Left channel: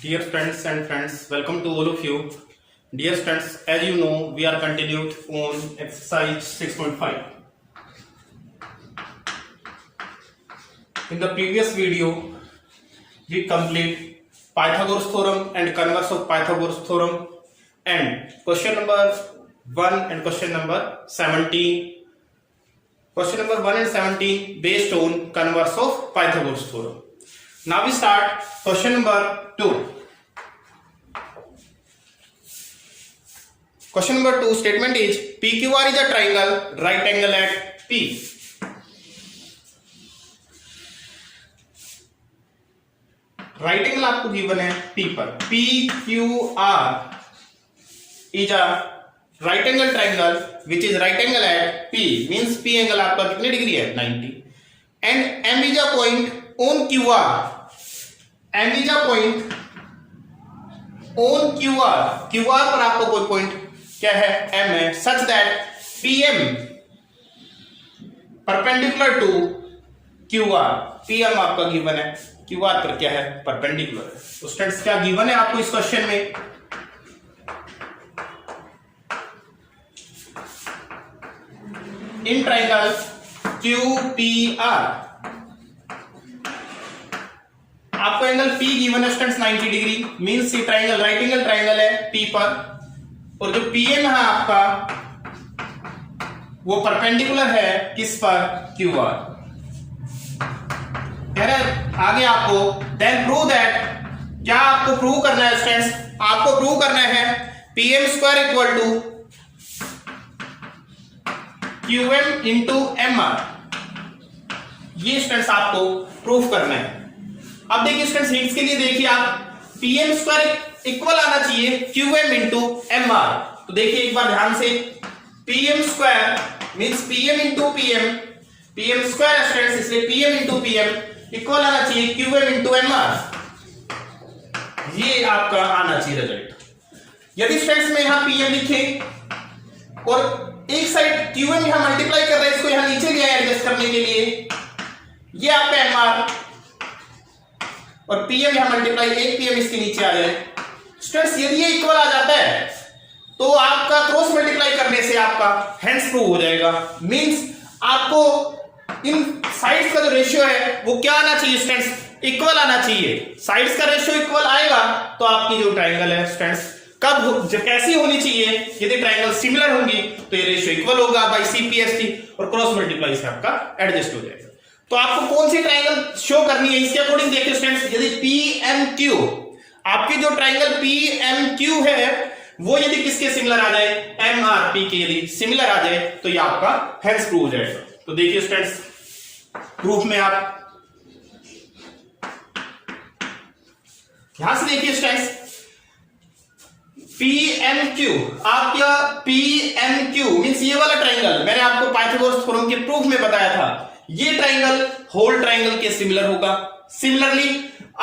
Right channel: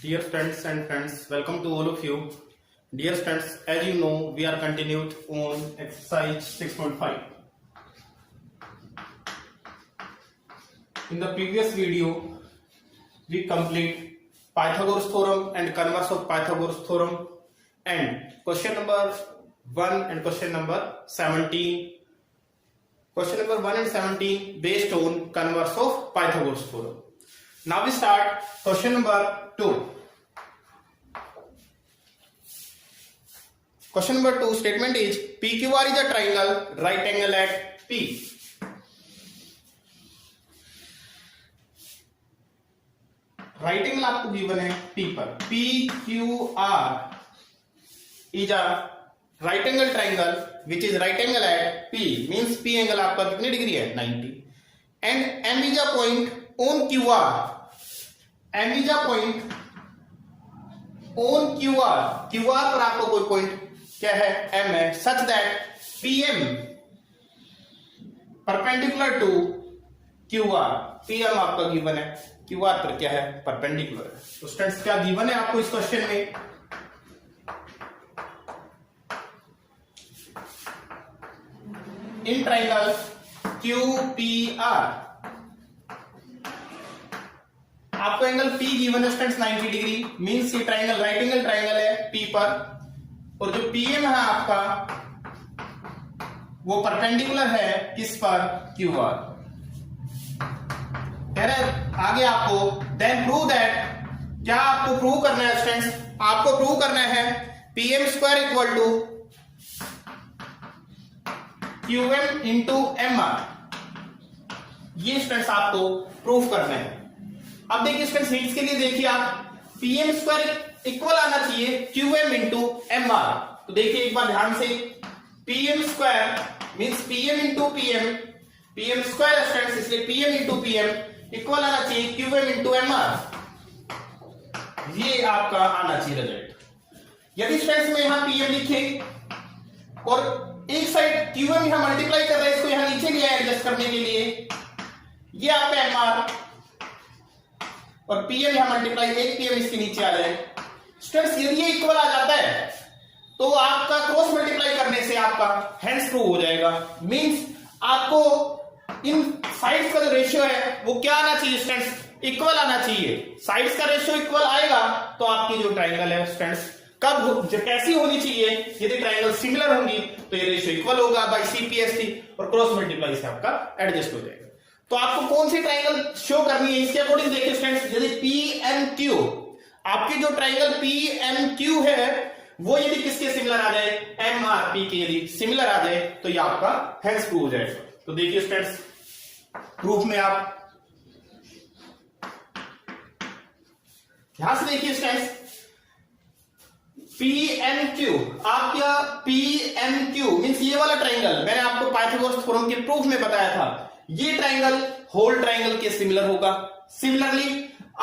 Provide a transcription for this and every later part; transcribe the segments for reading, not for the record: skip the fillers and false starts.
Dear students and friends, welcome to all of you. Dear students, as you know, we are continued on exercise 6.5. In the previous video, we complete Pythagoras theorem and converse of Pythagoras theorem and question number 1 and question number 17. Question number 1 and 17 based on converse of Pythagoras theorem. Now we start question number 2. Question number 2 statement is PQR is a triangle, right angle at P. Right angle आपको given है P पर. PQR is a right angle triangle which is right angle at P. Means P angle आपका कितने degree है? 90. And M is a point on QR. M is a point on QR. QR पर आपको कोई point क्या है? M है. Such that PM perpendicular to QR. PM आपका गिवन है. QR पर क्या है? परपेंडिकुलर है. तो स्टूडेंट्स क्या गिवन है आपको इस क्वेश्चन में? इन ट्राइंगल QPR आपको एंगल P गिवन है स्टूडेंट्स 90 डिग्री. मींस ये ट्राइंगल राइट एंगल ट्राइंगल है P पर, और जो PM है आपका वो परपेंडिकुलर है किस पर? QR. कह रहे आगे आपको देन प्रूव दैट, क्या आपको प्रूव करना है स्टूडेंट्स? आपको प्रूव करना है PM square equal to QM into MR. ये स्टूडेंट्स आपको प्रूव करना है. अब देखिए स्टूडेंट्स हिंट्स के लिए देखिए आप PM स्क्वायर इक्वल आना चाहिए QM इंटू MR. तो देखिए एक बार ध्यान से, PM square means PM into PM square students, इसलिए PM इंटू PM इक्वल आना चाहिए QM इंटू MR. ये आपका आना चाहिए रिजल्ट. यदि स्टूडेंट्स में यहां PM लिखे और एक साइड QM यहां मल्टीप्लाई कर रहे हैं, इसको यहां नीचे लिया है एडजस्ट करने के लिए, ये आपका MR और PM यहां मल्टीप्लाई, एक PM इसके नीचे आ जाए. स्टूडेंट्स यदि ये इक्वल आ जाता है तो आपका क्रॉस मल्टीप्लाई करने से आपका हेंस प्रूव हो जाएगा. मींस आपको इन साइड्स का जो रेशियो है वो क्या आना चाहिए स्टूडेंट्स? इक्वल आना चाहिए. साइड्स का रेशियो इक्वल आएगा तो आपकी जो ट्राइंगल है स्टूडेंट्स कब जब कैसी होनी चाहिए? यदि ट्राइंगल सिमिलर होंगी तो ये रेशियो इक्वल होगा बाय CPST और क्रॉस मल्टीप्लाई से आपका एडजस्ट हो जाएगा. तो आपको कौन सी ट्राइंगल शो करनी है इसके अकॉर्डिंग देखिए स्टूडेंट्स. यदि PMQ आपके जो ट्राइंगल PMQ है वो यदि किसके सिमिलर आ जाए? MRP के यदि सिमिलर आ जाए तो ये आपका हेंस प्रूव हो जाएगा. तो देखिए स्टूडेंट्स प्रूफ में आप यहां से देखिए स्टूडेंट्स PMQ आपका PMQ मींस ये वाला ट्राइंगल मैंने आपको पाइथागोरस थ्योरम के प्रूफ में बताया था. ये ट्राइंगल होल ट्राइंगल के सिमिलर होगा. सिमिलरली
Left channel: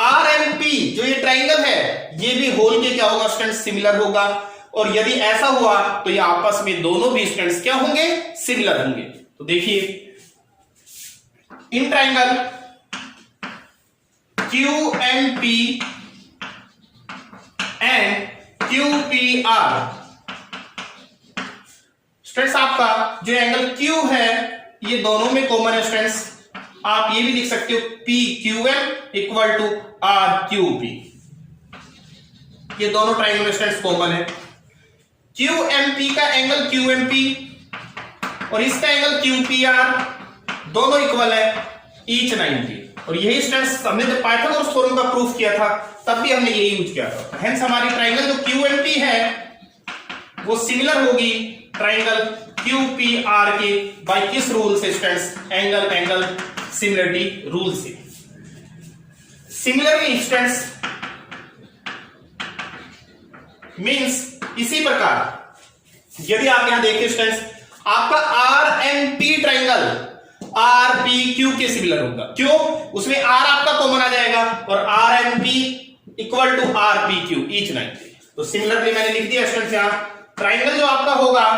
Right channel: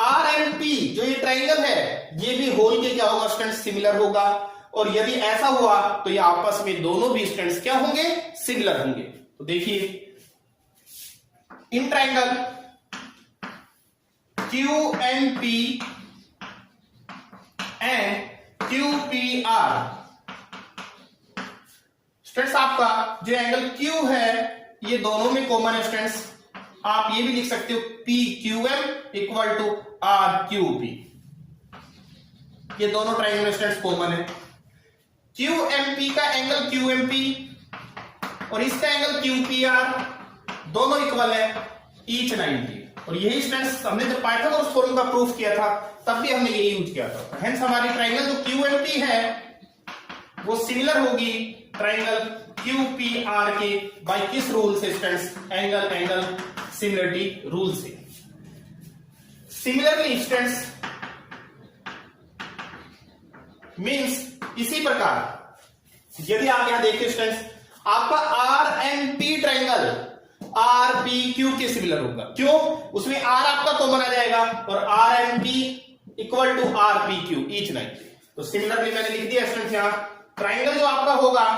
RMP जो ये ट्राइंगल है ये भी होल के क्या होगा स्टूडेंट्स? सिमिलर होगा. और यदि ऐसा हुआ तो ये आपस में दोनों भी स्टूडेंट्स क्या होंगे? सिमिलर होंगे. तो देखिए in triangle QMP and QPR students आपका जो एंगल Q है ये दोनों में कॉमन है स्टूडेंट्स. आप ये भी लिख सकते हो PQM इक्वल टू RQP. ये दोनों ट्राइंगल में स्टूडेंट्स कॉमन है. QMP का एंगल QMP और इसका एंगल QPR दोनों इक्वल है ईच 90. और यही स्टूडेंट्स हमने जब पाइथागोरस थ्योरम का प्रूफ किया था तब भी हमने यही यूज किया था. हेंस हमारी ट्राइंगल जो QMP है वो सिमिलर होगी ट्राइंगल QPR के बाय किस रूल से स्टूडेंट्स? एंगल सिमिलरिटी रूल से. सिमिलरली स्टूडेंट्स मींस इसी प्रकार यदि आप यहां देखिए स्टूडेंट्स आपका RMP ट्राइंगल RPQ के सिमिलर होगा. क्यों? उसमें R आपका कॉमन आ जाएगा और RMP equal to RPQ each 90. तो सिमिलरली मैंने लिख दिया स्टूडेंट्स यहां ट्राइंगल जो आपका होगा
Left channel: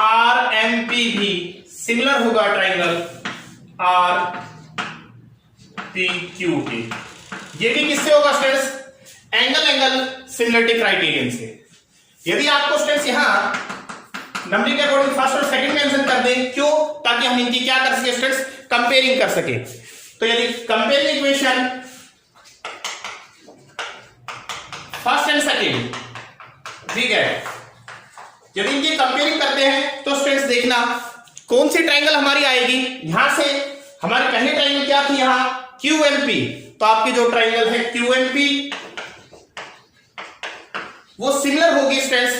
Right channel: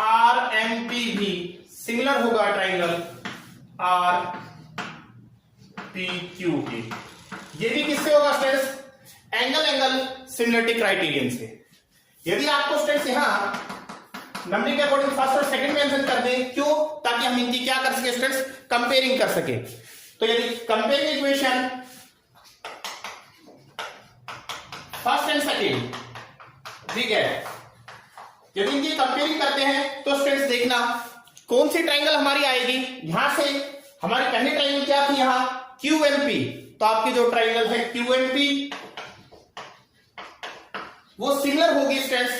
RMP भी सिमिलर होगा ट्राइंगल RPQ के. ये भी किससे होगा स्टूडेंट्स? एंगल सिमिलरिटी क्राइटेरियन से। यदि आपको स्टूडेंट्स यहां नंबरिंग के अकॉर्डिंग फर्स्ट और सेकंड मेंशन कर दें, क्यों? ताकि हम इनकी क्या कर सके स्टूडेंट्स, कंपेयरिंग कर सके। तो यदि comparing equation first and second, ठीक है, यदि इनकी कंपेयरिंग करते हैं तो स्टूडेंट्स देखना कौन सी ट्रायंगल हमारी आएगी। यहां से हमारी पहली ट्रायंगल क्या थी, यहां QMP, तो आपकी जो ट्रायंगल है QMP वो सिमिलर होगी स्टूडेंट्स।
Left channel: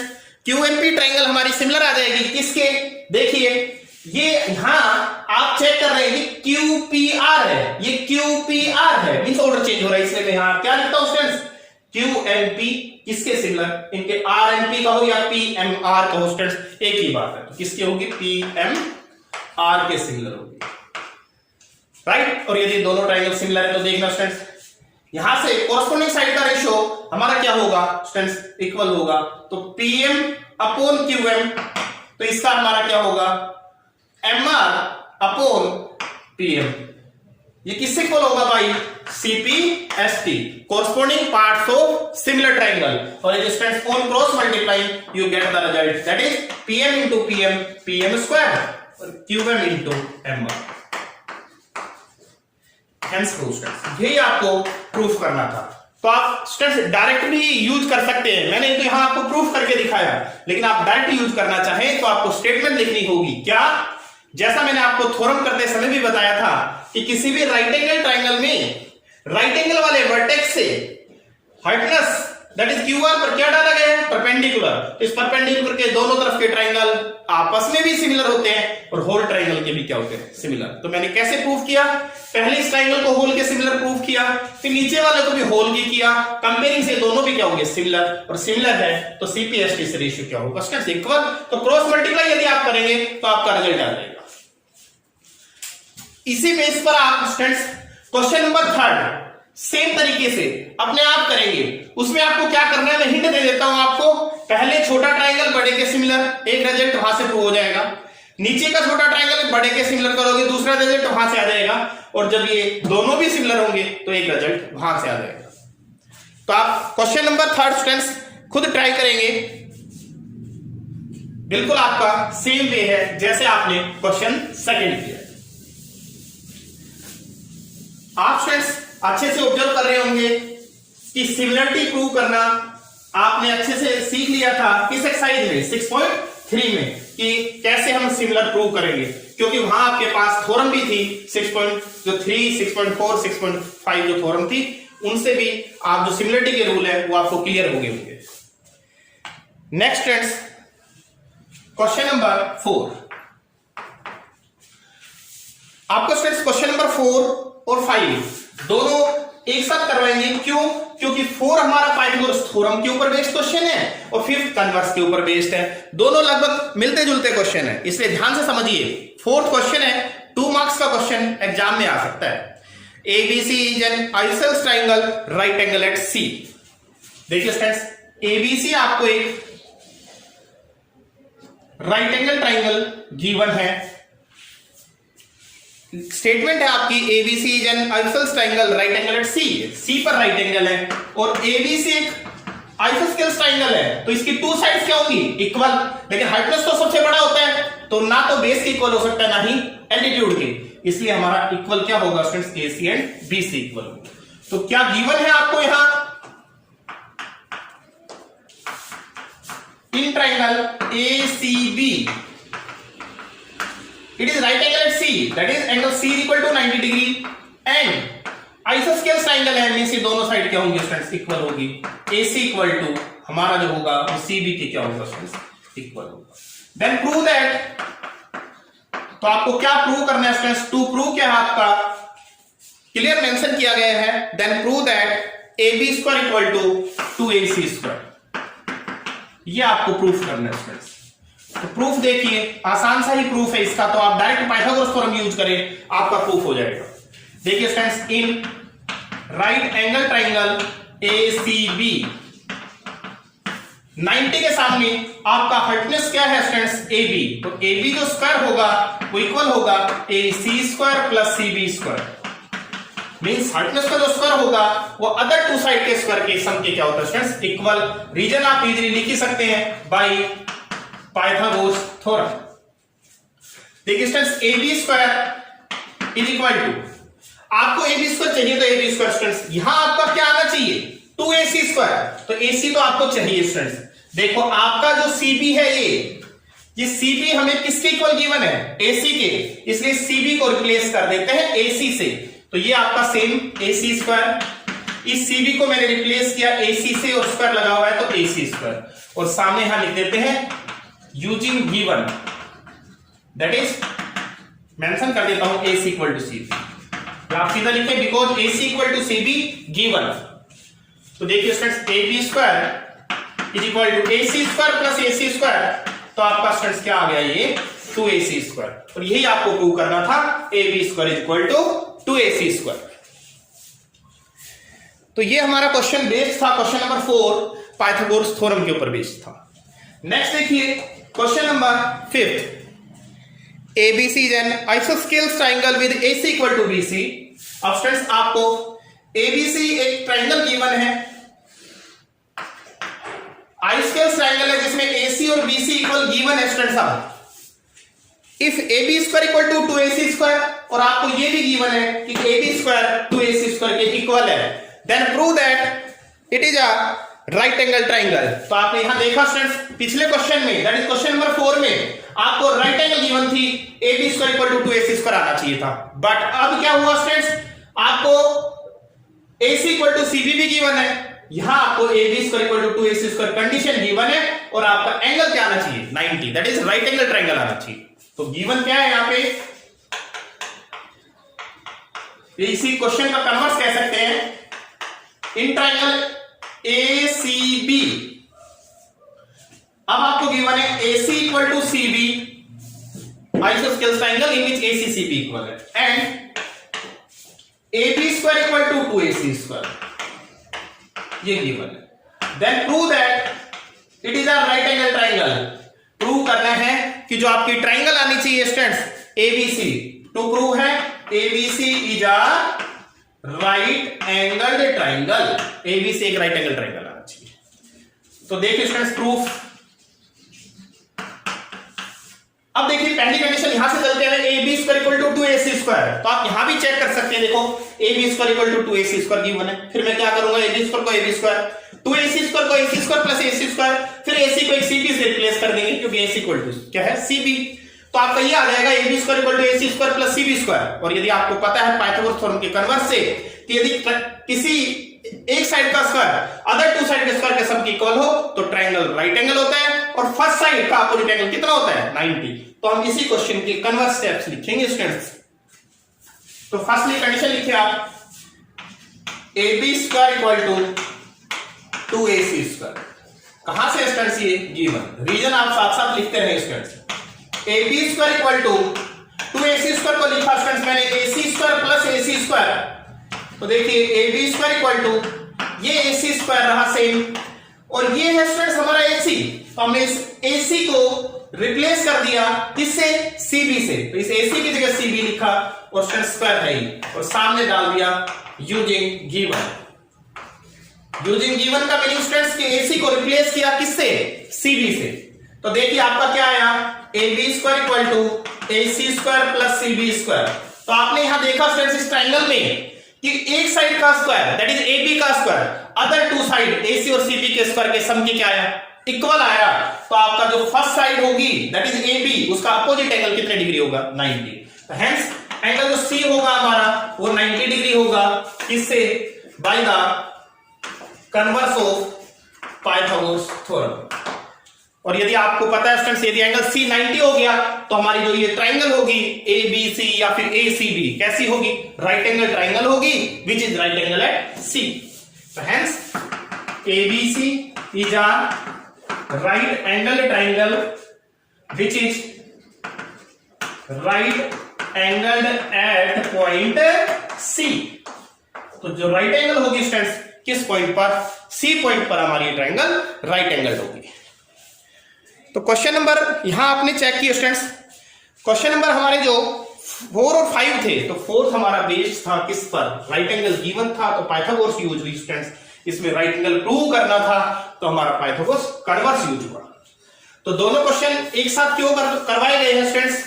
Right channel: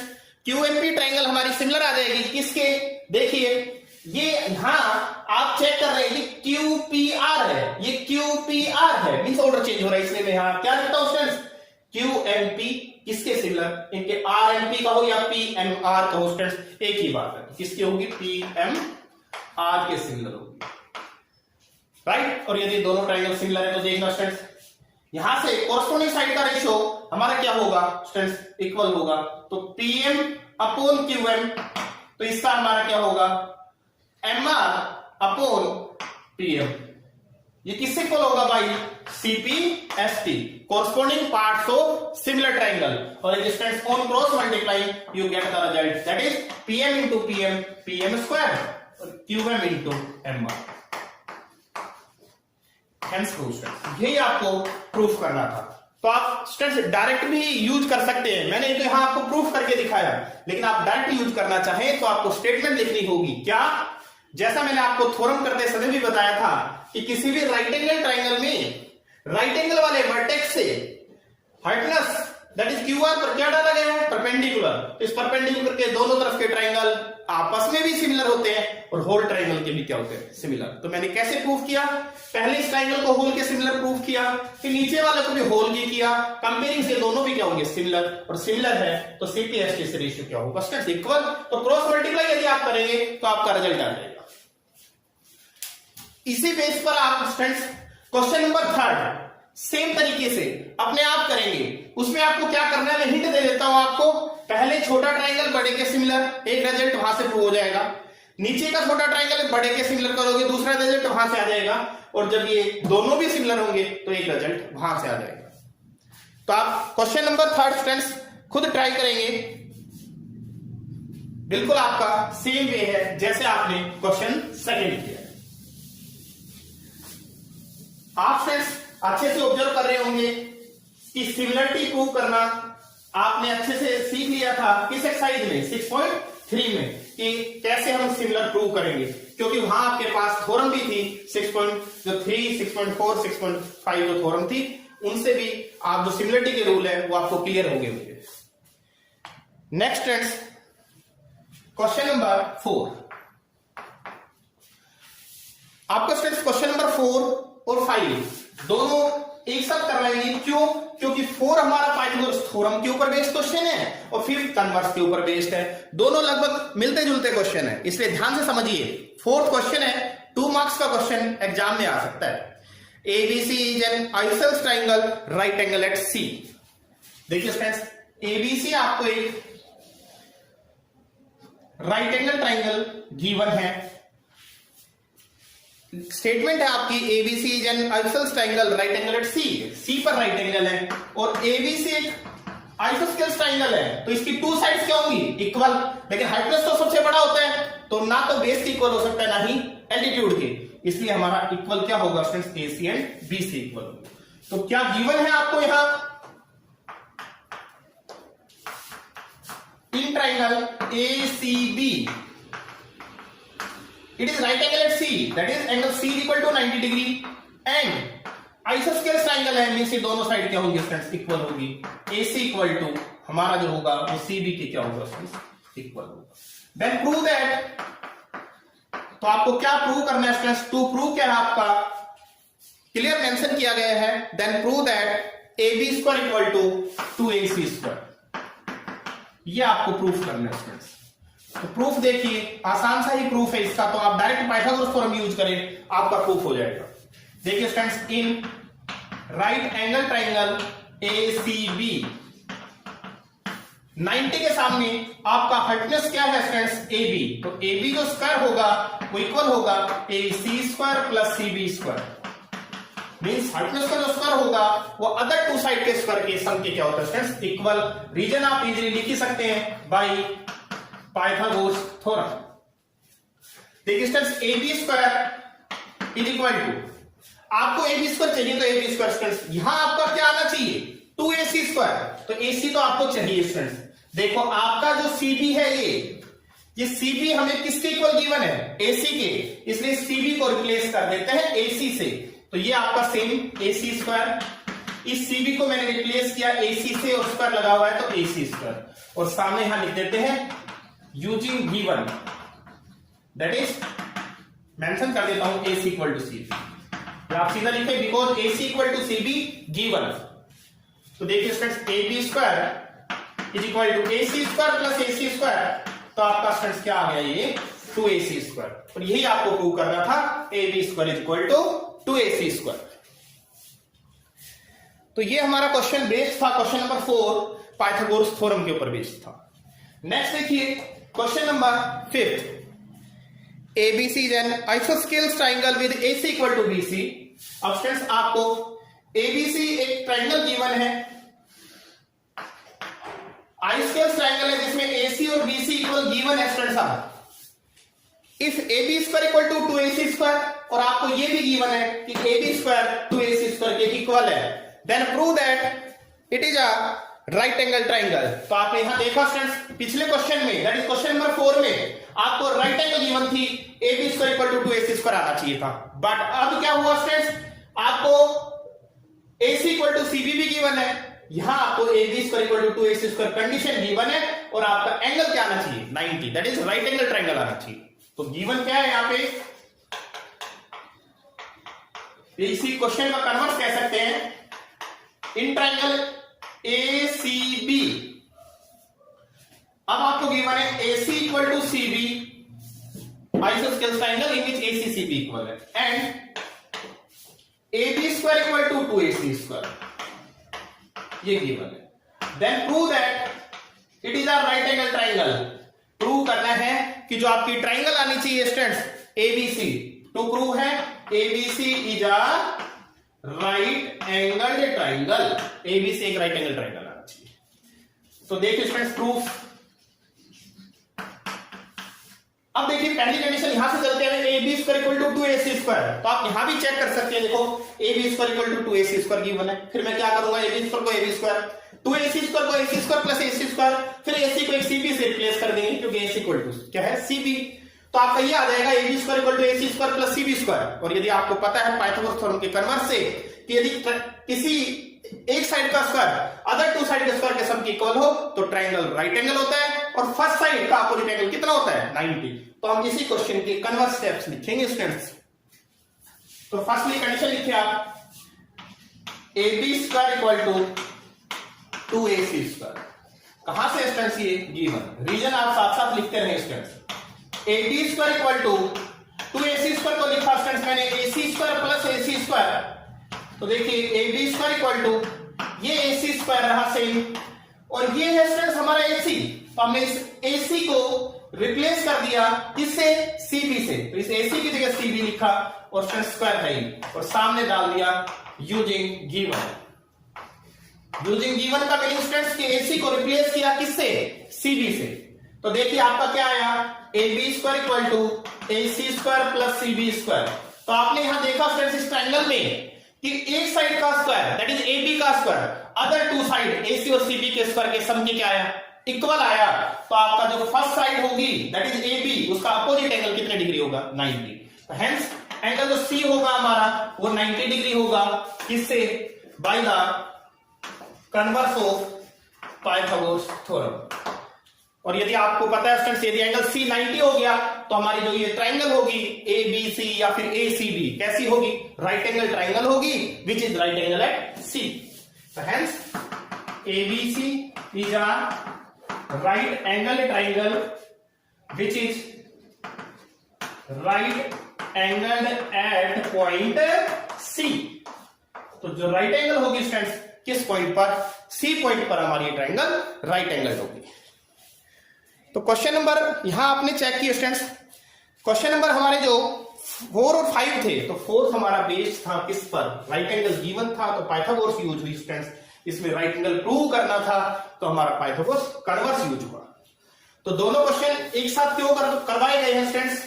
QMP ट्रायंगल हमारी सिमिलर आ जाएगी किसके, देखिए ये यहां आप चेक कर रहे हैं QPR है, ये QPR है, मींस ऑर्डर चेंज हो रहा है, इसलिए मैं यहां क्या लिखता हूं स्टूडेंट्स, QMP किसके सिमिलर, इनके RMP कहो या PMR कहो स्टूडेंट्स, एक ही बात है। तो किसकी होगी, PMR के सिमिलर होगी, राइट। और यदि दोनों ट्रायंगल सिमिलर है तो देखना स्टूडेंट्स यहां से कोरस्पोंडिंग साइड का रेशियो हमारा क्या होगा स्टूडेंट्स, इक्वल होगा। तो PM अपॉन QM, तो इसका हमारा क्या होगा, MR अपॉन PM। ये किससे इक्वल होगा भाई, CPST, corresponding parts of similar triangle. और यदि students on cross multiplying you get the result, that is PM into PM, PM square, और QM into MR। Hence proof students, यही आपको proof करना था। तो आप स्टूडेंट्स डायरेक्ट भी यूज कर सकते हैं, मैंने तो यहां आपको प्रूफ करके दिखाया, लेकिन आप डायरेक्ट यूज करना चाहें तो आपको स्टेटमेंट लिखनी होगी। क्या? जैसा मैंने आपको थ्योरम करते समय भी बताया था कि किसी भी राइट एंगल ट्रायंगल में राइट एंगल वाले वर्टेक्स से हाइपोटेनस दैट इज QR पर क्या डाला गया है, परपेंडिकुलर। इस परपेंडिकुलर के दोनों तरफ के ट्रायंगल आपस में भी सिमिलर होते हैं और होल ट्रायंगल के भी क्या होते हैं, सिमिलर। तो मैंने कैसे प्रूफ किया, पहले इस ट्रायंगल को होल के सिमिलर प्रूफ किया, फिर नीचे वाले को भी होल के किया, कंपेयरिंग से दोनों भी क्या होंगे, सिमिलर। और सिमिलर है तो CPST से रेशियो क्या होगा स्टूडेंट्स, इक्वल। तो क्रॉस मल्टीप्लाई यदि आप करेंगे तो आपका रिजल्ट आ जाएगा। इसी बेस पर आप स्टूडेंट्स क्वेश्चन नंबर 3 सेम तरीके से अपने आप करेंगे। उसमें आपको क्या करना है, मैं हिंट दे देता हूं आपको। पहले छोटा ट्रायंगल बड़े के सिमिलर, एक रिजल्ट वहां से प्रूव हो जाएगा। नीचे का छोटा ट्रायंगल बड़े के सिमिलर करोगे, दूसरा रिजल्ट वहां से आ जाएगा। और जब ये दोनों भी सिमिलर होंगे तो एक रिजल्ट वहां से आ जाएगा। तो आप क्वेश्चन नंबर 3 स्टूडेंट्स खुद ट्राई करेंगे, बिल्कुल आपका सेम वे है जैसे आपने क्वेश्चन 2 किया। आप स्टूडेंट्स अच्छे से ऑब्जर्व कर रहे होंगे कि सिमिलरिटी प्रूव करना आपने अच्छे से सीख लिया था किस एक्सरसाइज में, 6.3 में, कि कैसे हम सिमिलर प्रूव करेंगे, क्योंकि वहां आपके पास थ्योरम भी थी 6.3, 6.4, 6.5 जो थ्योरम थी, उनसे भी आप जो सिमिलरिटी के रूल है वो आपको क्लियर हो गए होंगे। नेक्स्ट स्टूडेंट्स क्वेश्चन नंबर 4, आपका स्टूडेंट्स क्वेश्चन नंबर 4 और 5 दोनों एक साथ करवाएंगे। क्यों? क्योंकि 4 हमारा पाइथागोरस थ्योरम के ऊपर बेस्ड क्वेश्चन है और 5 कन्वर्स के ऊपर बेस्ड है। दोनों लगभग मिलते जुलते क्वेश्चन है, इसलिए ध्यान से समझिए। 4th क्वेश्चन है, 2 मार्क्स का क्वेश्चन एग्जाम में आ सकता है। ABC is an isosceles triangle right angle at C। देखिए स्टूडेंट्स, ABC आपको एक राइट एंगल ट्रायंगल गिवन है। स्टेटमेंट है आपकी ABC is an isosceles triangle right angle at C पर राइट एंगल है और ABC एक आइसोस्केलेस ट्रायंगल है, तो इसकी 2 साइड्स क्या होंगी, इक्वल। लेकिन हाइपोटेनस तो सबसे बड़ा होता है, तो ना तो बेस के इक्वल हो सकता है ना ही एल्टीट्यूड के, इसलिए हमारा इक्वल क्या होगा students, AC and BC equal होगा। तो क्या गिवन है आपको यहां, in triangle ACB it is right angle at C, that is angle C equal to 90 degree and isosceles triangle है, मींस ये दोनों साइड क्या होंगी स्टूडेंट्स, इक्वल होगी। AC इक्वल टू हमारा जो होगा वो CB के क्या होगा स्टूडेंट्स, इक्वल होगा। देन प्रूव दैट, तो आपको क्या प्रूव करना है स्टूडेंट्स, टू प्रूव क्या है आपका क्लियर मेंशन किया गया है। Then prove that AB square equal to 2AC square, ये आपको प्रूफ करना है स्टूडेंट्स। तो प्रूफ देखिए, आसान सा ही प्रूफ है इसका, तो आप डायरेक्ट पाइथागोरस थ्योरम यूज करें, आपका प्रूफ हो जाएगा। देखिए students, in right angle triangle ACB 90 के सामने आपका हाइपोटेनस क्या है स्टूडेंट्स, AB। तो AB जो स्क्वायर होगा वो इक्वल होगा AC square plus CB square. Means hypotenuse का जो स्क्वायर होगा वो अदर टू साइड के स्क्वायर के सम के क्या होता है स्टूडेंट्स इक्वल। रीजन आप इजीली लिख ही सकते हैं बाय पाइथागोरस थ्योरम। देखिए students A B square is equal to, आपको ए बी स्क्वायर चाहिए तो ए बी स्क्वायर स्टूडेंट्स यहां आपका क्या आना चाहिए 2ac स्क्वायर, तो ac तो आपको चाहिए स्टूडेंट्स। देखो आपका जो cb है ये cb हमें किसके इक्वल गिवन है ac के, इसलिए cb को रिप्लेस कर देते हैं ac से, तो ये आपका सेम ac स्क्वायर, इस cb को मैंने रिप्लेस किया ac से और स्क्वायर लगा हुआ है तो ac स्क्वायर, और सामने यहां लिख देते हैं using given, that is mention कर देता हूं ac इक्वल टू cb, आप सीधा लिखें because ac equal to cb given. तो देखिए students A B square is equal to A C square plus A C square, तो आपका स्टूडेंट्स क्या आ गया ये 2ac स्क्वायर, और यही आपको प्रूव करना था A B square is equal to 2ac square. तो ये हमारा क्वेश्चन बेस्ड था, क्वेश्चन नंबर 4 पाइथागोरस थ्योरम के ऊपर बेस्ड था। नेक्स्ट देखिए question number 5, ABC is an isosceles triangle with AC equal to BC। अब स्टूडेंट्स आपको ABC एक ट्राइंगल गिवन है, आइसोस्केलेस ट्राइंगल है जिसमें AC और BC इक्वल गिवन है स्टूडेंट्स। अब if AB square equal to 2AC square, और आपको ये भी गिवन है कि AB स्क्वायर 2AC स्क्वायर के इक्वल है, then prove that it is a right angle triangle. तो आपने यहां देखा स्टूडेंट्स पिछले क्वेश्चन में, दैट इज क्वेश्चन नंबर 4 में आपको राइट एंगल गिवन थी AB square equal to 2AC square आना चाहिए था, बट अब क्या हुआ स्टूडेंट्स आपको AC इक्वल टू CB भी गिवन है, यहां आपको AB square equal to 2AC square condition given है, और आपका एंगल क्या आना चाहिए 90, that is right angle triangle आना चाहिए। तो गिवन क्या है यहां पे, इसी क्वेश्चन का कन्वर्स कह सकते हैं इन ट्राइंगल ACB। अब आपको गिवन है AC equal to CB, isosceles triangle in which AC CB equal है, and AB square equal to 2AC square, ये गिवन है। Then prove that it is a right angle triangle. Prove करना है कि जो आपकी ट्राइंगल आनी चाहिए स्टूडेंट्स ABC, टू प्रूव है ABC is a right angle triangle, ABC एक राइट एंगल ट्राइंगल आना चाहिए। तो देखिए स्टूडेंट्स प्रूफ, अब देखिए पहली कंडीशन यहां से चलते हैं AB square equal to 2AC square, तो आप यहां भी चेक कर सकते हैं, देखो AB square equal to 2AC square given है, फिर मैं क्या करूंगा AB स्क्वायर को AB स्क्वायर, 2AC स्क्वायर को AC square plus AC square, फिर AC को एक CB से रिप्लेस कर देंगे क्योंकि AC इक्वल टू क्या है CB, तो आपका ये आ जाएगा AB square equal to AC square plus CB square. और यदि आपको पता है पाइथागोरस थ्योरम के कन्वर्स से कि यदि किसी एक साइड का स्क्वायर अदर टू साइड के स्क्वायर के सम की इक्वल हो तो ट्राइंगल राइट एंगल होता है, और फर्स्ट साइड का अपोजिट एंगल कितना होता है 90। तो हम इसी क्वेश्चन के कन्वर्स स्टेप्स लिखेंगे स्टूडेंट्स। तो फर्स्टली कंडीशन लिखिए आप AB square equal to 2AC square, कहां से स्टूडेंट्स ये गिवन, रीजन आप साथ साथ लिखते रहे students. AB square equal to 2AC square को लिखा स्टूडेंट्स मैंने AC square plus AC square, तो देखिए AB स्क्वायर इक्वल टू ये AC स्क्वायर रहा सेम, और ये है स्टूडेंट्स हमारा AC, तो हमने इस AC को रिप्लेस कर दिया किससे CB से, तो इस AC की जगह CB लिखा और स्क्वायर है ही, और सामने डाल दिया यूजिंग गिवन। यूजिंग गिवन का मीनिंग स्टूडेंट्स कि AC को रिप्लेस किया किससे CB से, तो देखिए आपका क्या आया AB square equal to AC square plus CB square. तो आपने यहां देखा स्टूडेंट्स इस ट्राइंगल में कि एक साइड का स्क्वायर दैट इज AB का square other two side AC और CB के स्क्वायर के सम की क्या आया इक्वल आया, तो आपका जो फर्स्ट साइड होगी दैट इज AB उसका अपोजिट एंगल कितने डिग्री होगा 90, तो हेंस एंगल जो C होगा हमारा वो 90 डिग्री होगा, किससे by the converse of Pythagoras theorem. और यदि आपको पता है स्टूडेंट्स यदि एंगल C 90 हो गया तो हमारी जो ये ट्राइंगल होगी ABC या फिर ACB कैसी होगी राइट एंगल ट्राइंगल होगी which is right angle at C। तो hence ABC is a right angle triangle which is right angled at point C। तो जो राइट एंगल होगी स्टूडेंट्स किस पॉइंट पर C पॉइंट पर हमारी ट्राइंगल राइट एंगल होगी। तो क्वेश्चन नंबर यहां आपने चेक किया स्टूडेंट्स, क्वेश्चन नंबर हमारे जो 4 और 5 थे, तो 4th हमारा बेस्ड था किस पर, राइट एंगल गिवन था तो पाइथागोरस यूज हुई स्टूडेंट्स। इसमें राइट एंगल प्रूव करना था तो हमारा पाइथागोरस कन्वर्स यूज हुआ। तो दोनों क्वेश्चन एक साथ क्यों करवाए गए हैं स्टूडेंट्स,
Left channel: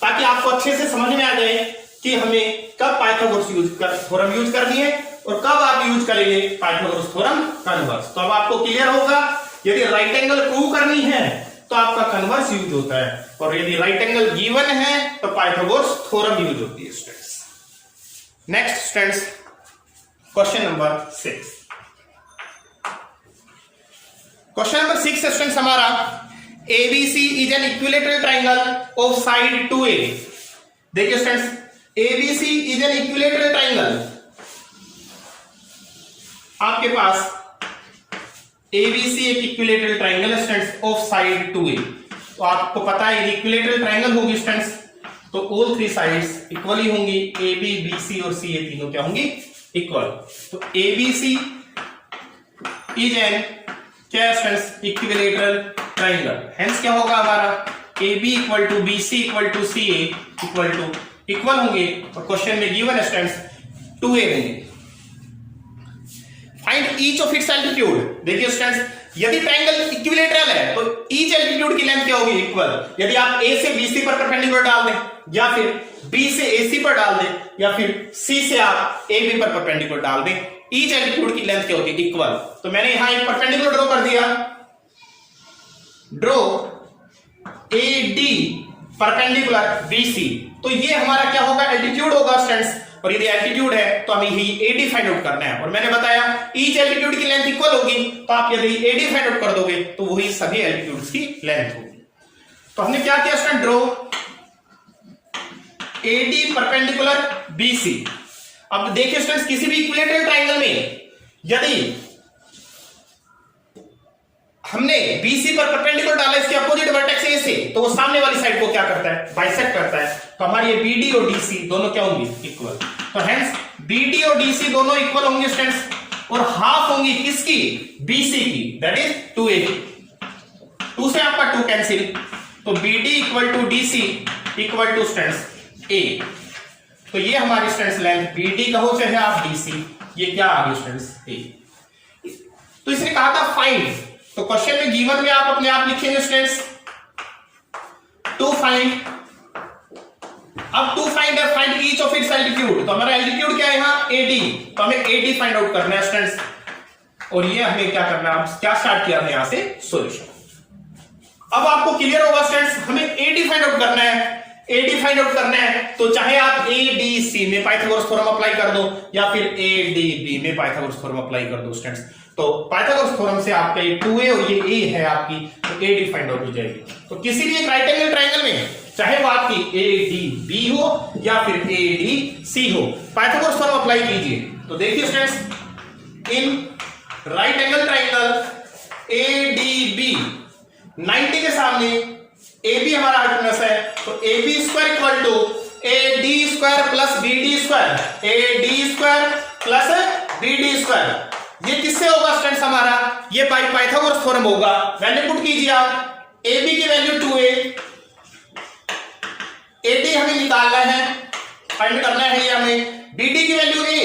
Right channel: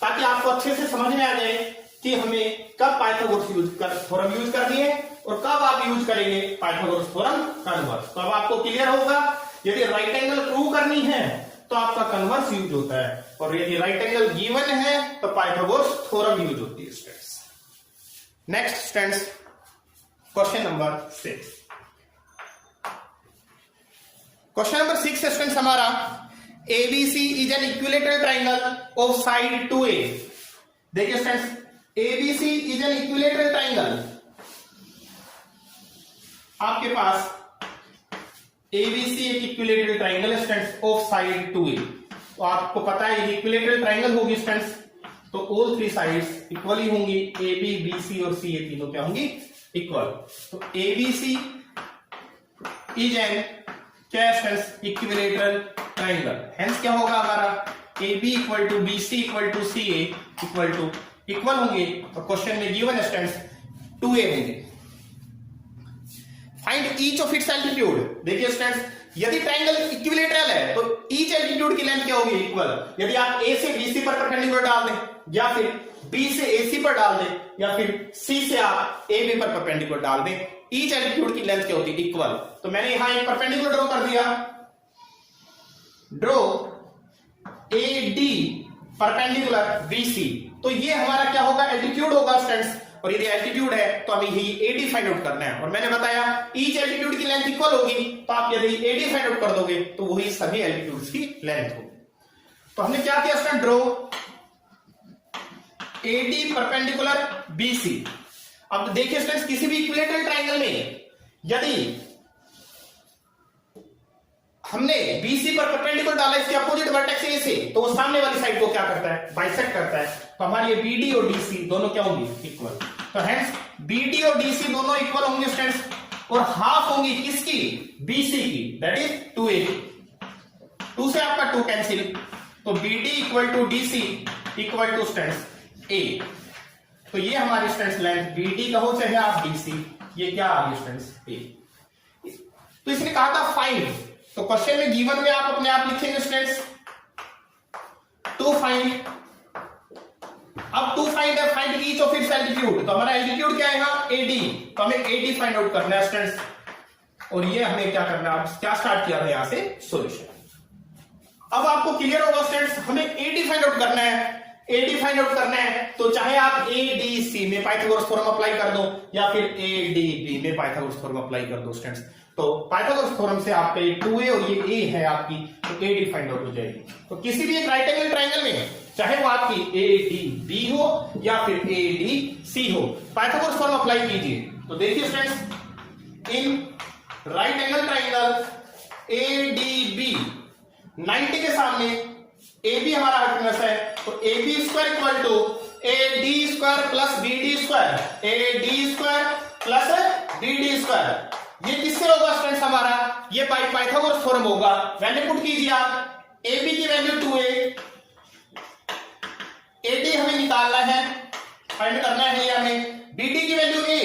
ताकि आपको अच्छे से समझ में आ जाए कि हमें कब पाइथागोरस थ्योरम यूज करनी है और कब आप यूज करेंगे पाइथागोरस थ्योरम कन्वर्स। तो अब आपको क्लियर होगा, यदि राइट एंगल प्रूव करनी है तो आपका कन्वर्स यूज होता है, और यदि राइट एंगल गिवन है तो पाइथागोरस थ्योरम यूज होती है students. Next students, question number 6। Question number 6 students हमारा, ABC is an equilateral triangle of side 2A। देखिए students, ABC is an equilateral triangle. आपके पास ABC एक equilateral triangle students of side 2A। तो आपको पता है इक्विलेटरल ट्राइंगल होगी students, तो ऑल 3 साइड्स इक्वली होंगी, AB, BC और CA तीनों क्या होंगी, इक्वल। तो ABC इज एन क्या स्टूडेंट्स, इक्विलेटरल ट्राइंगल। हेंस क्या होगा हमारा, AB equal to BC equal to CA equal होंगे, और क्वेश्चन में गिवन स्टूडेंट्स 2A देंगे। Find each of its altitude. देखिए स्टूडेंट्स, यदि ट्रायंगल इक्विलेटरल है तो ईच एल्टीट्यूड की लेंथ क्या होगी, इक्वल। यदि आप A से BC पर परपेंडिकुलर डाल दें, या फिर B से AC पर डाल दें, या फिर C से आप AB पर परपेंडिकुलर डाल दें, ईच एल्टीट्यूड की लेंथ क्या होती है, इक्वल। तो मैंने यहां एक परपेंडिकुलर ड्रॉ कर दिया, ड्रॉ AD परपेंडिकुलर BC। तो ये हमारा क्या होगा, एल्टीट्यूड होगा स्टूडेंट्स, और यदि एल्टीट्यूड है तो हमें ही AD फाइंड आउट करना है। और मैंने बताया ईच एल्टीट्यूड की लेंथ इक्वल होगी, तो आप यदि AD फाइंड आउट कर दोगे तो वही सभी एल्टीट्यूड्स की लेंथ होगी। तो हमने क्या किया student, draw AD perpendicular BC। अब देखिए स्टूडेंट्स, किसी भी इक्विलेटरल ट्रायंगल में यदि हमने BC पर परपेंडिकुलर डाला इसके अपोजिट वर्टेक्स A से, तो वो सामने वाली साइड को क्या करता है, बाइसेक्ट करता है। तो हमारी ये BD और DC दोनों क्या होंगी, इक्वल। तो हेंस BD और DC दोनों इक्वल होंगे स्टूडेंट्स, और हाफ होंगी किसकी, BC की, दैट इज 2A की। 2 से आपका 2 कैंसिल, तो BD equal to DC equal to students A। तो ये हमारी स्टूडेंट्स लेंथ BD कहो चाहे आप DC, ये क्या आ गई स्टूडेंट्स A। तो इसने कहा था फाइंड, तो क्वेश्चन में गिवन में आप अपने आप लिखेंगे स्टूडेंट्स टू फाइंड। अब टू फाइंड है, find each of its altitude. तो हमारा एल्टीट्यूड क्या है यहाँ, AD, तो हमें AD फाइंड आउट करना है स्टूडेंट्स, और ये हमें क्या करना है, क्या स्टार्ट किया था यहां से सॉल्यूशन। अब आपको क्लियर होगा स्टूडेंट्स, हमें AD फाइंड आउट करना है। AD फाइंड आउट करना है तो चाहे आप ADC में पाइथागोरस थ्योरम अप्लाई कर दो, या फिर ADB में पाइथागोरस थ्योरम अप्लाई कर दो स्टूडेंट्स। तो पाइथागोरस थ्योरम से आपका ये 2A और ये A है आपकी, तो AD फाइंड आउट हो जाएगी। तो किसी भी एक राइट एंगल ट्रायंगल में चाहे वो आपकी ADB हो या फिर ADC हो, पाइथागोरस थ्योरम अप्लाई कीजिए। तो देखिए students, in right angle triangle ADB 90 के सामने AB हमारा हाइपोटेनस है, तो AB square equal to AD square plus BD square, AD square plus BD square. ये किससे होगा स्टूडेंट्स, हमारा ये बाय पाइथागोरस थ्योरम होगा। वैल्यू पुट कीजिए आप, AB की वैल्यू 2A, AD हमें निकालना है, फाइंड करना है ये हमें, BD की वैल्यू A,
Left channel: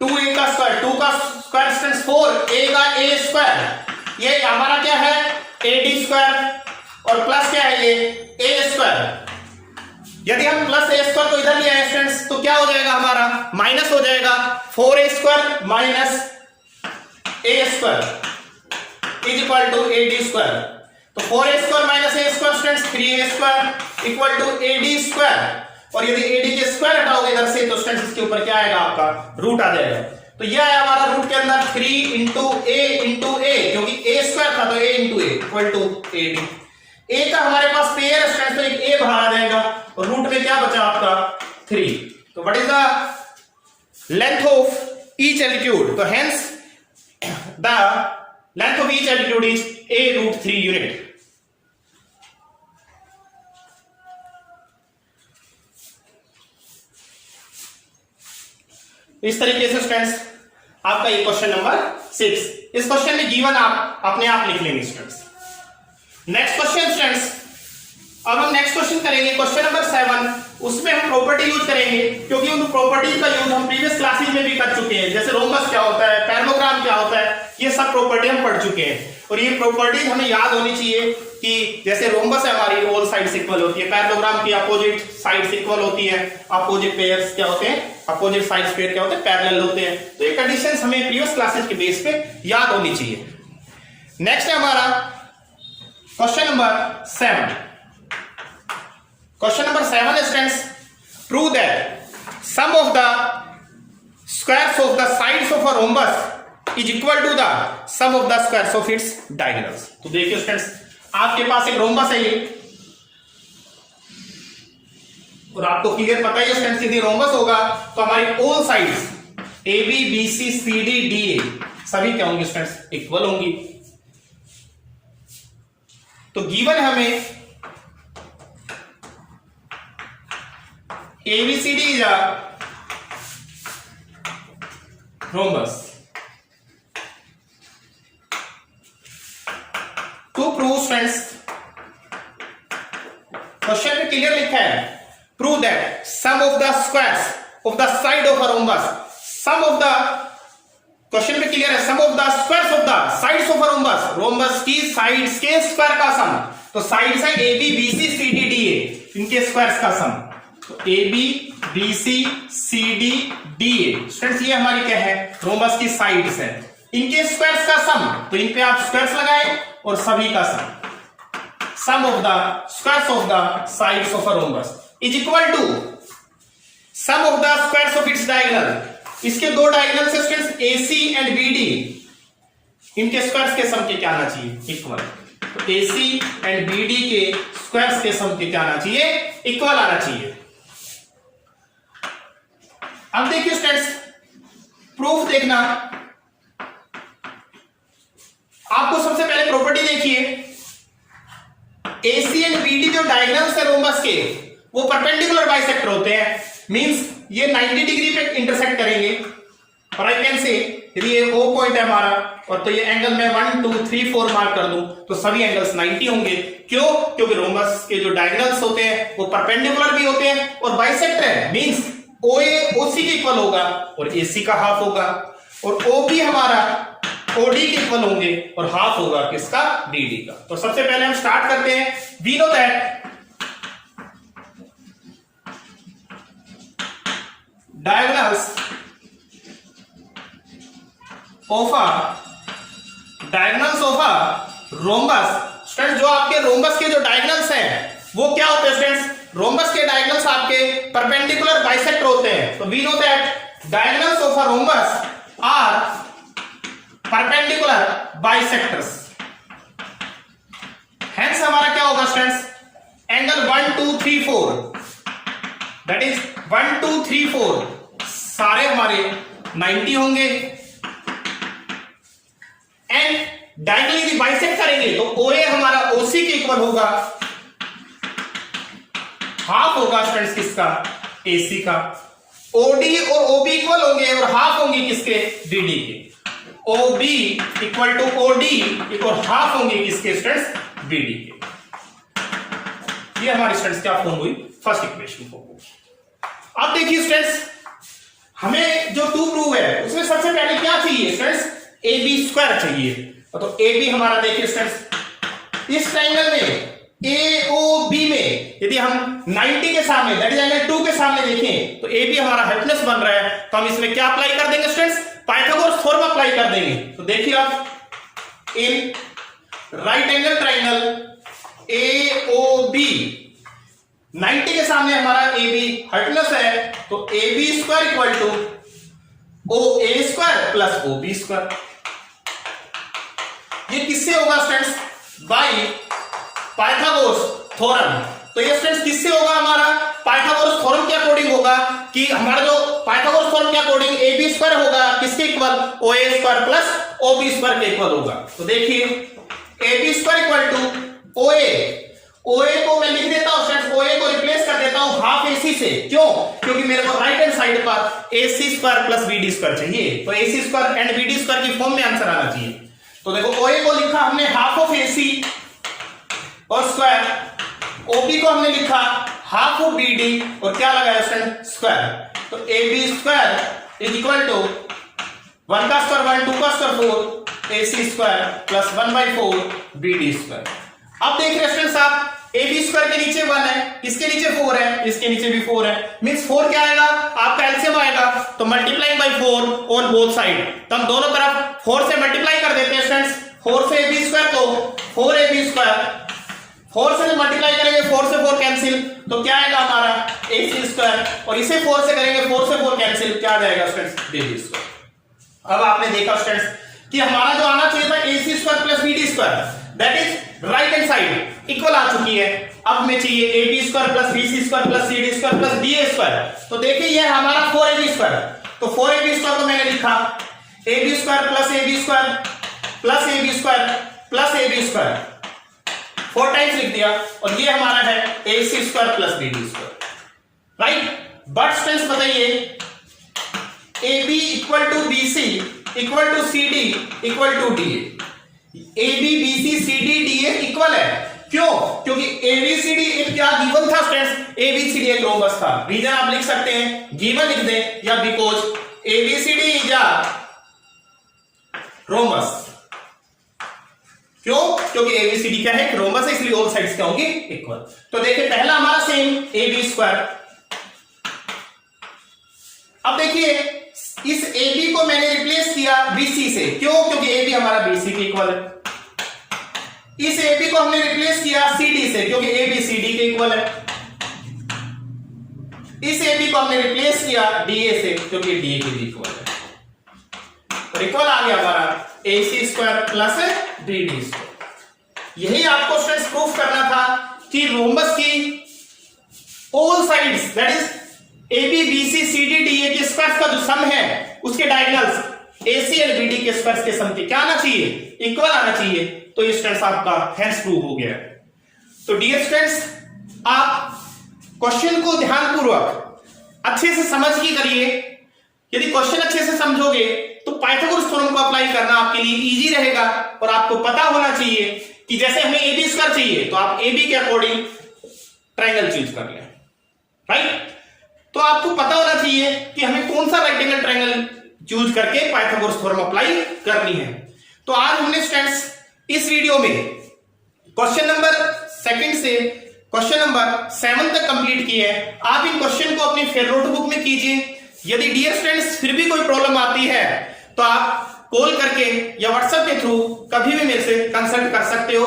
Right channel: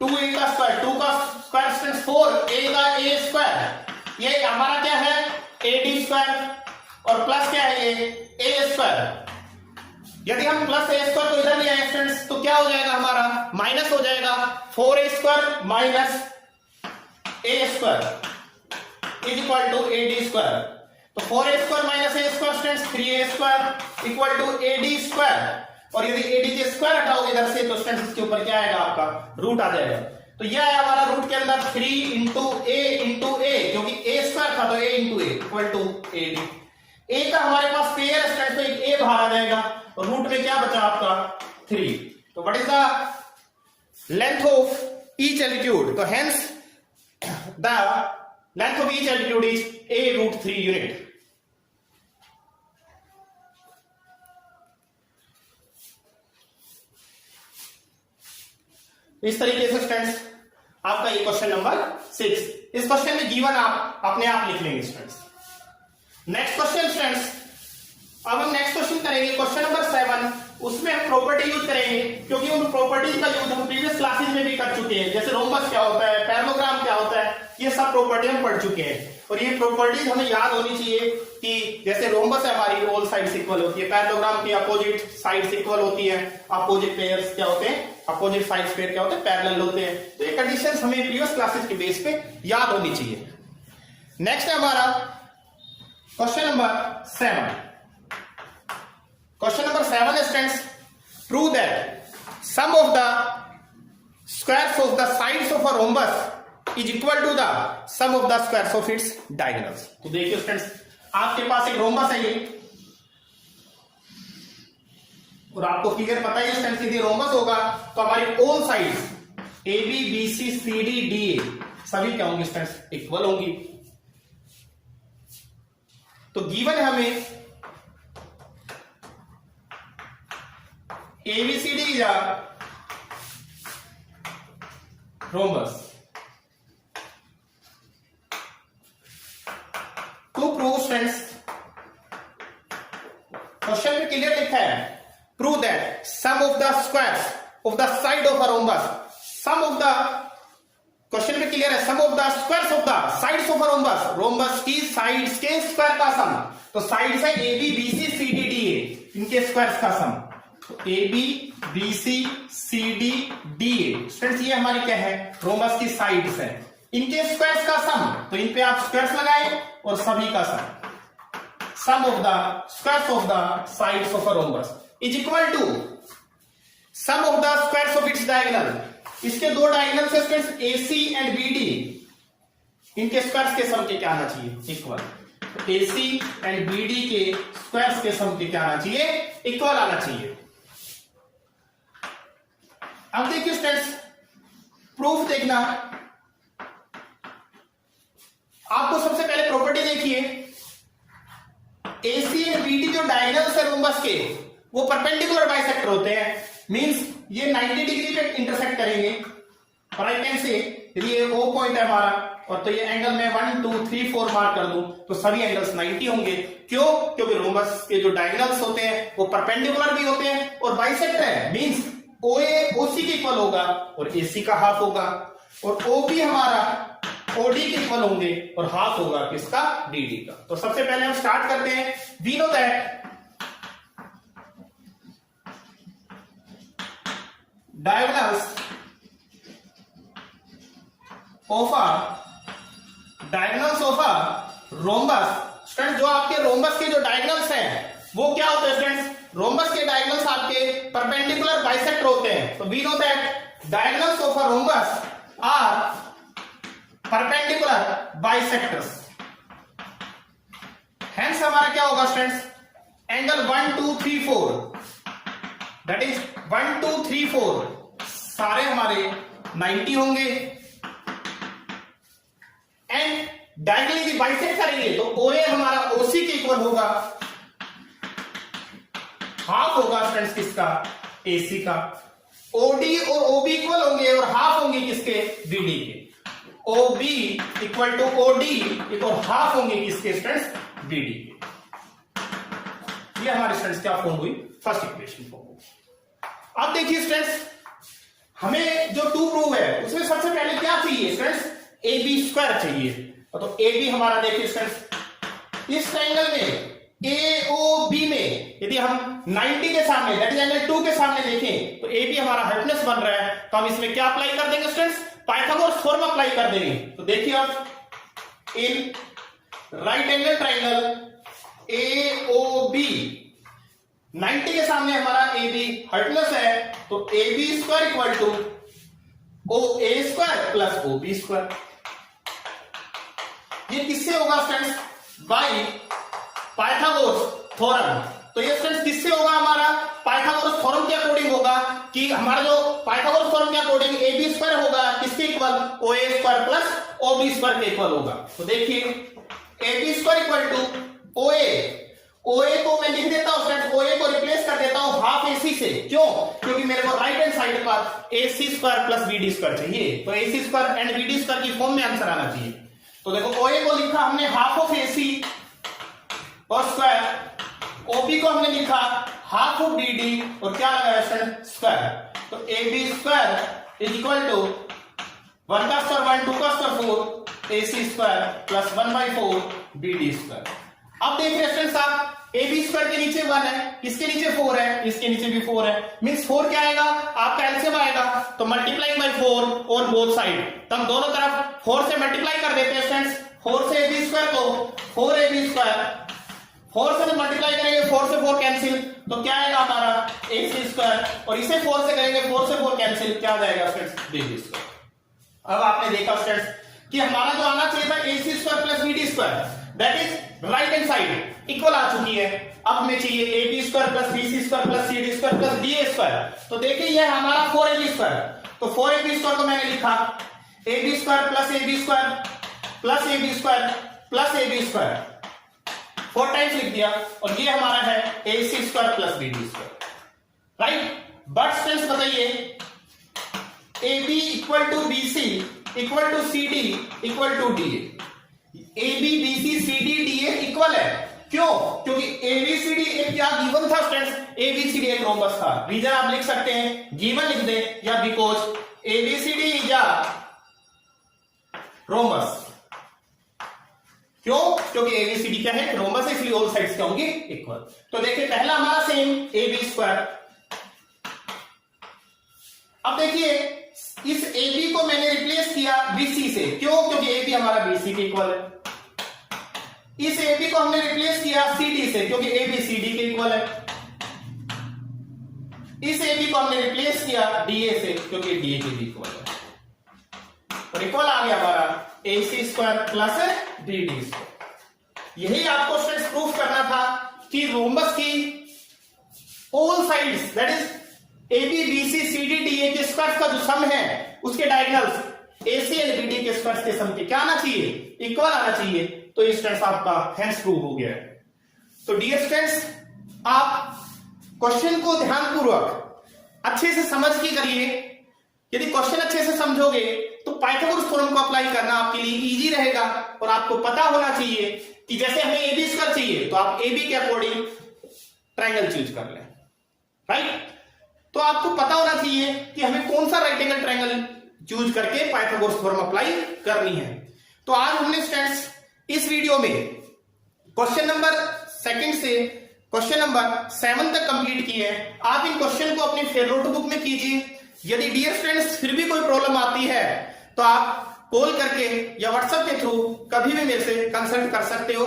2A का स्क्वायर, 2 का स्क्वायर स्टूडेंट्स 4, A का A स्क्वायर, ये हमारा क्या है AD स्क्वायर, और प्लस क्या है ये A स्क्वायर। यदि हम प्लस A स्क्वायर को इधर ले आए स्टूडेंट्स, तो क्या हो जाएगा हमारा, माइनस हो जाएगा, 4A square minus A square is equal to AD square. तो 4A square minus A square students 3A square equal to AD square, और यदि AD के स्क्वायर हटाओगे इधर से तो स्टूडेंट्स इसके ऊपर क्या आएगा, आपका रूट आ जाएगा। तो यह आया हमारा रूट के अंदर 3 इंटू A, क्योंकि A स्क्वायर था तो A into A equal to AD। A का हमारे पास पेयर स्टूडेंट्स, तो एक A बाहर आ जाएगा, और रूट में क्या बचा आपका 3। तो what is the length of each altitude, तो hence the length of each altitude is A√3 unit. इस तरीके से स्टूडेंट्स आपका ये क्वेश्चन नंबर 6, इस क्वेश्चन में गिवन आप अपने आप लिख लेंगे स्टूडेंट्स। नेक्स्ट क्वेश्चन स्टूडेंट्स, अब हम नेक्स्ट क्वेश्चन करेंगे, क्वेश्चन नंबर 7। उसमें हम प्रॉपर्टी यूज करेंगे, क्योंकि उन प्रॉपर्टीज का यूज हम प्रीवियस क्लासेज में भी कर चुके हैं, जैसे रोम्बस क्या होता है, पैरेललोग्राम क्या होता है, ये सब प्रॉपर्टी हम पढ़ चुके हैं। और ये प्रॉपर्टीज हमें याद होनी चाहिए कि जैसे रोम्बस है हमारी ऑल साइड्स इक्वल होती है, पैरेललोग्राम की अपोजिट साइड्स इक्वल होती है, अपोजिट पेयर्स क्या होते हैं, अपोजिट साइड्स पेयर क्या होते हैं, पैरेलल होते हैं। तो ये कंडीशंस हमें प्रीवियस क्लासेज के बेस पे याद होनी चाहिए। नेक्स्ट है हमारा question number 7। Question number 7 is friends, prove that sum of the squares of the sides of a rhombus is equal to the sum of the squares of its diagonals। तो देखिए friends, आपके पास एक rhombus है ये, और आपको clear पता ही है फ्रेंड्स, यदि रोम्बस होगा तो हमारी all sides A B B C C D D A सभी क्या होंगी फ्रेंड्स, इक्वल होंगी। तो गिवन है हमें ABCD is a rhombus. To prove friends, question में क्लियर लिखा है, prove that sum of the squares of the side of a rhombus, sum of the, question में क्लियर है, sum of the squares of the sides of a rhombus, rhombus की sides के square का सम। तो sides है AB BC CD DA, इनके squares का sum. A B B C C D D A friends, ये हमारी क्या है, रोम्बस की साइड्स है, इनके स्क्वायर्स का सम। तो इन पे आप स्क्वायर्स लगाए और सभी का sum of the squares of the sides of a rhombus is equal to sum of the squares of its diagonal. इसके दो डायगोनल से friends A C and B D, इनके स्क्वायर्स के सम के क्या आना चाहिए, इक्वल। तो A C and B D के स्क्वायर्स के सम के क्या आना चाहिए, इक्वल आना चाहिए। अब देखिए स्टूडेंट्स, प्रूफ देखना, आपको सबसे पहले प्रॉपर्टी देखिए, AC एंड BD जो डायगोनल्स है रोम्बस के, वो परपेंडिकुलर बाइसेक्टर होते हैं। मींस ये 90 डिग्री पे इंटरसेक्ट करेंगे। और आई कैन से यदि ये O पॉइंट है हमारा, और तो ये एंगल में 1 2 3 4 मार्क कर दूं तो सभी एंगल्स 90 होंगे। क्यों? क्योंकि रोम्बस के जो डायगोनल्स होते हैं वो परपेंडिकुलर भी होते हैं और बाइसेक्टर है। मींस OA OC के इक्वल होगा और AC का हाफ होगा, और OB हमारा OD के इक्वल होंगे और हाफ होगा किसका, DD का। तो सबसे पहले हम स्टार्ट करते हैं। We know that diagonals of a rhombus, students जो आपके रोम्बस के जो डायगोनल्स हैं वो क्या होते हैं स्टूडेंट्स, रोम्बस के डायगोनल्स आपके परपेंडिकुलर बाइसेक्टर होते हैं। तो we know that diagonals of a rhombus are perpendicular bisectors. Hence हमारा क्या होगा स्टूडेंट्स, एंगल 1 2 3 4, दैट इज 1 2 3 4 सारे हमारे 90 होंगे। एंड डायगोनली यदि बाइसेक्ट करेंगे तो OA हमारा OC के इक्वल होगा, हाफ होगा स्टूडेंट्स किसका, AC का। OD और OB इक्वल होंगे और हाफ होंगे किसके, DD के। OB इक्वल टू OD और हाफ होंगे किसके स्टूडेंट्स, DD के। ये हमारी स्टूडेंट्स क्या फॉर्म हुई, फर्स्ट इक्वेशन फॉर्म हुई। अब देखिए स्टूडेंट्स, हमें जो 2 प्रूव है उसमें सबसे पहले क्या चाहिए स्टूडेंट्स, AB स्क्वायर चाहिए। तो AB हमारा देखिए स्टूडेंट्स, इस ट्रायंगल में AOB में यदि हम 90 के सामने दैट इज एंगल 2 के सामने देखें तो AB हमारा हाइपोटेनस बन रहा है। तो हम इसमें क्या अप्लाई कर देंगे स्टूडेंट्स, पाइथागोरस थ्योरम अप्लाई कर देंगे। तो देखिए आप, इन राइट एंगल ट्रायंगल AOB 90 के सामने हमारा AB हाइपोटेनस है, तो AB square equal to OA square plus OB square. ये किससे होगा स्टूडेंट्स, बाय पाइथागोरस थ्योरम। तो ये स्टूडेंट्स किससे होगा, हमारा पाइथागोरस थ्योरम के अकॉर्डिंग होगा कि हमारा जो पाइथागोरस थ्योरम के अकॉर्डिंग AB स्क्वायर होगा किसके equal, OA square plus OB square के इक्वल होगा। तो देखिए AB square equal to OA को मैं लिख देता हूं स्टूडेंट्स, OA को रिप्लेस कर देता हूं हाफ AC से। क्यों? क्योंकि मेरे को राइट हैंड साइड पर AC square plus BD square चाहिए, तो AC square and BD square की फॉर्म में आंसर आना चाहिए। तो देखो OA को लिखा हमने हाफ ऑफ AC और स्क्वायर ओबी को हमने लिखा हाफ ऑफ बीडी और क्या लगाया स्टूडेंट स्क्वायर, तो AB square is equal to 1 का स्क्वायर 1, 2 का square 4, AC square plus 1/4 BD square. अब देख रहे स्टूडेंट्स आप AB स्क्वायर के नीचे 1 है, इसके नीचे 4 है, इसके नीचे भी 4 है, मींस 4 क्या आएगा आपका एलसीएम आएगा, तो multiplying by 4 on both side, तो हम दोनों तरफ 4 से मल्टीप्लाई कर देते हैं स्टूडेंट्स। 4 से AB स्क्वायर को 4AB स्क्वायर, 4 से मल्टीप्लाई करेंगे 4 से 4 कैंसिल, तो क्या आएगा हमारा AC स्क्वायर, और इसे 4 से करेंगे 4 से 4 कैंसिल, क्या आ जाएगा स्टूडेंट्स BD स्क्वायर। अब आपने देखा स्टूडेंट्स कि हमारा जो आना चाहिए था AC square plus BD square, that is right hand side equal आ चुकी है। अब हमें चाहिए AB square plus BC square plus CD square plus DA square, तो देखिए ये है हमारा 4AB स्क्वायर, तो 4AB स्क्वायर को मैंने लिखा AB square plus AB square plus AB square plus AB square 4 times लिख दिया, और ये हमारा है AC square plus BD square, right. But students बताइए AB equal to BC equal to CD equal to DA, AB BC CD DA equal है, क्यों? क्योंकि ABCD एक क्या गिवन था स्टूडेंट्स, ABCD एक रोमबस था। रीजन आप लिख सकते हैं गिवन लिख दें या because ABCD is a rhombus, क्यों? क्योंकि ABCD क्या है रोमबस है, इसलिए ऑल साइड्स क्या होंगी इक्वल। तो देखिए पहला हमारा सेम AB स्क्वायर। अब देखिए इस AB को मैंने रिप्लेस किया BC से, क्यों? क्योंकि AB हमारा BC के इक्वल है। इस AB को हमने रिप्लेस किया CD से, क्योंकि AB CD के इक्वल है। इस AB को हमने रिप्लेस किया DA से, क्योंकि DA के इक्वल है। और इक्वल आ गया हमारा AC square plus BD square. यही आपको स्टूडेंट्स प्रूफ करना था कि रोमबस की all sides that is AB BC CD DA के स्क्वायर्स का जो सम है उसके डायगोनल्स AC एंड BD के स्क्वायर्स के सम क्या आना चाहिए, इक्वल आना चाहिए। तो ये स्टूडेंट्स आपका हेंस प्रूव हो गया। तो डियर स्टूडेंट्स आप क्वेश्चन को ध्यानपूर्वक अच्छे से समझ के करिए। यदि क्वेश्चन अच्छे से समझोगे तो पाइथागोरस थ्योरम को अप्लाई करना आपके लिए इजी रहेगा, और आपको पता होना चाहिए कि जैसे हमें AB स्क्वायर चाहिए तो आप AB के अकॉर्डिंग ट्रायंगल चूज कर लें, राइट। तो आपको पता होना चाहिए कि हमें कौन सा राइट एंगल ट्रायंगल चूज करके पाइथागोरस थ्योरम अप्लाई करनी है। तो आज हमने स्टूडेंट्स इस वीडियो में क्वेश्चन नंबर 2 से क्वेश्चन नंबर 7 तक कंप्लीट किए हैं। आप इन क्वेश्चन को अपनी फेयर नोटबुक में कीजिए। यदि डियर स्टूडेंट्स फिर भी कोई प्रॉब्लम आती है तो आप कॉल करके या व्हाट्सएप के थ्रू कभी भी मेरे से कंसल्ट कर सकते हो।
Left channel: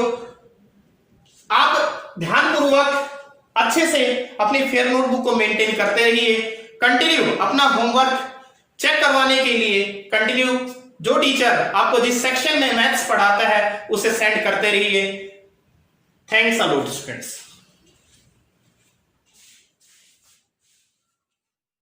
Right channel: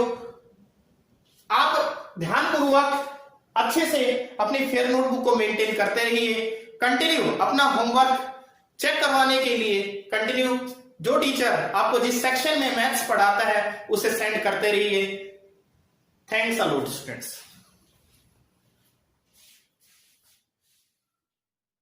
आप ध्यानपूर्वक अच्छे से अपनी फेयर नोटबुक को मेंटेन करते रहिए। कंटिन्यू अपना होमवर्क चेक करवाने के लिए कंटिन्यू जो टीचर आपको जिस सेक्शन में मैथ्स पढ़ाता है उसे सेंड करते रहिए। Thanks a lot students.